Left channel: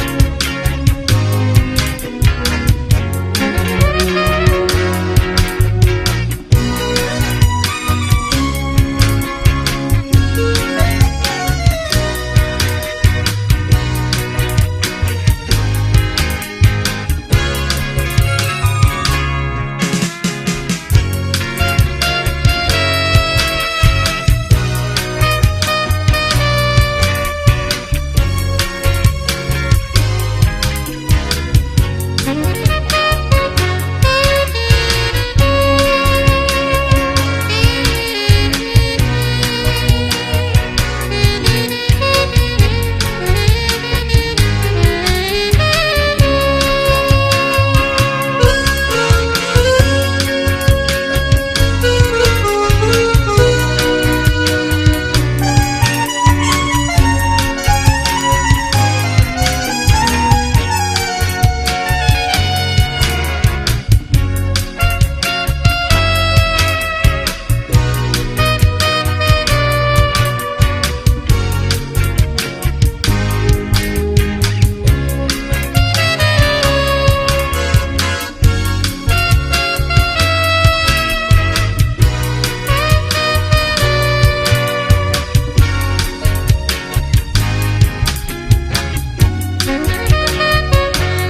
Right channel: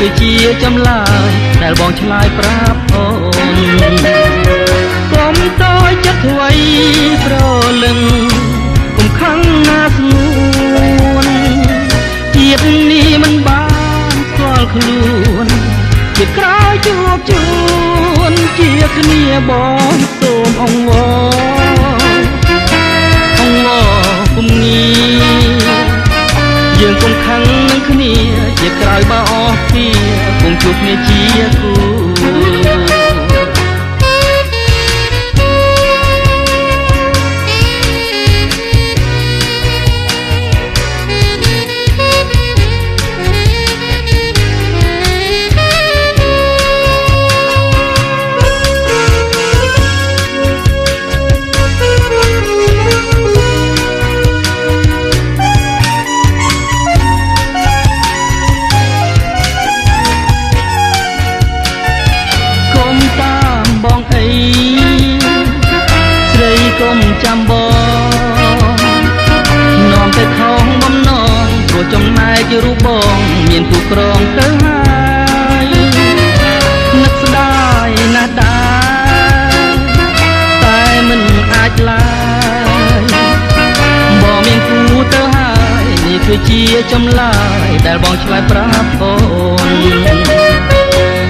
គឺជាចម្លើយដែលបងឆ្លើយប្រាប់អូនកុំតូចចិត្តអ្វីប្រលឹងកុំខឹងណាស្ងួនជាតិនេះមិនបានស្គាល់ខ្លួនជាក្រោយជួបជូនជាគ្នាបងសូមអង្វរគុំងាយើងគុំខឹងនឹងគ្នាជាក្រោយបើអស់ពីគុំជួបគ្នាជាគូរូបបងមានទូក្រងទៅហើយនឹកស្ដាយណាស់ដែរតែមិនអាចឡើយបងមានគូទៅហើយនេះគឺជាចម្លើយដែលបងឆ្លើយប្រាប់អូន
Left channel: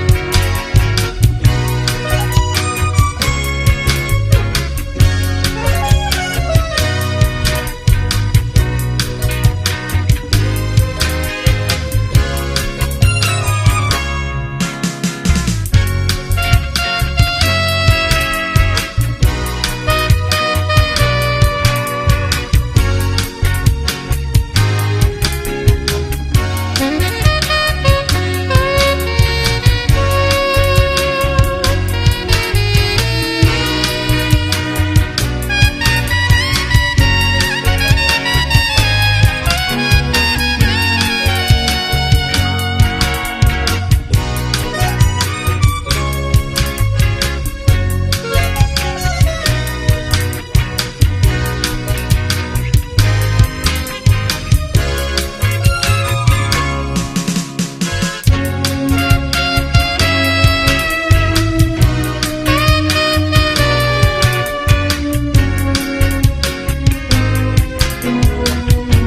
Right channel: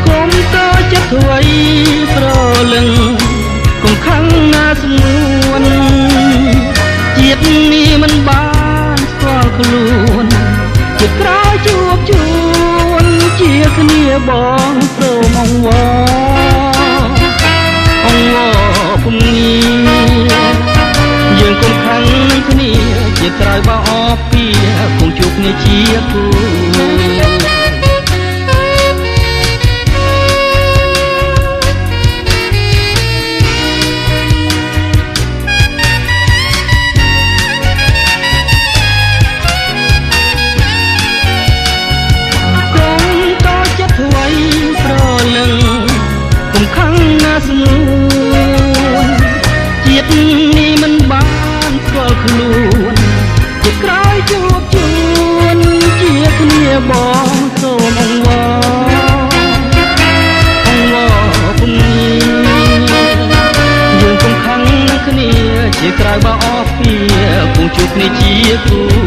កុំតូចចិត្តអ្វីប្រលឹងកុំខឹងណាស្ងួនជាតិនេះមិនបានស្គាល់ខ្លួនជាក្រោយជួបជូនជាគ្នាបងសូមអង្វរគុំងាយើងគុំខឹងនឹងគ្នាជាក្រោយបើអស់ពីគុំជួបគ្នាជាគូបងសូមអង្វរគុំងាយើងគុំខឹងនឹងគ្នាជាក្រោយបើអស់ពីគុំជួបគ្នាជាគូ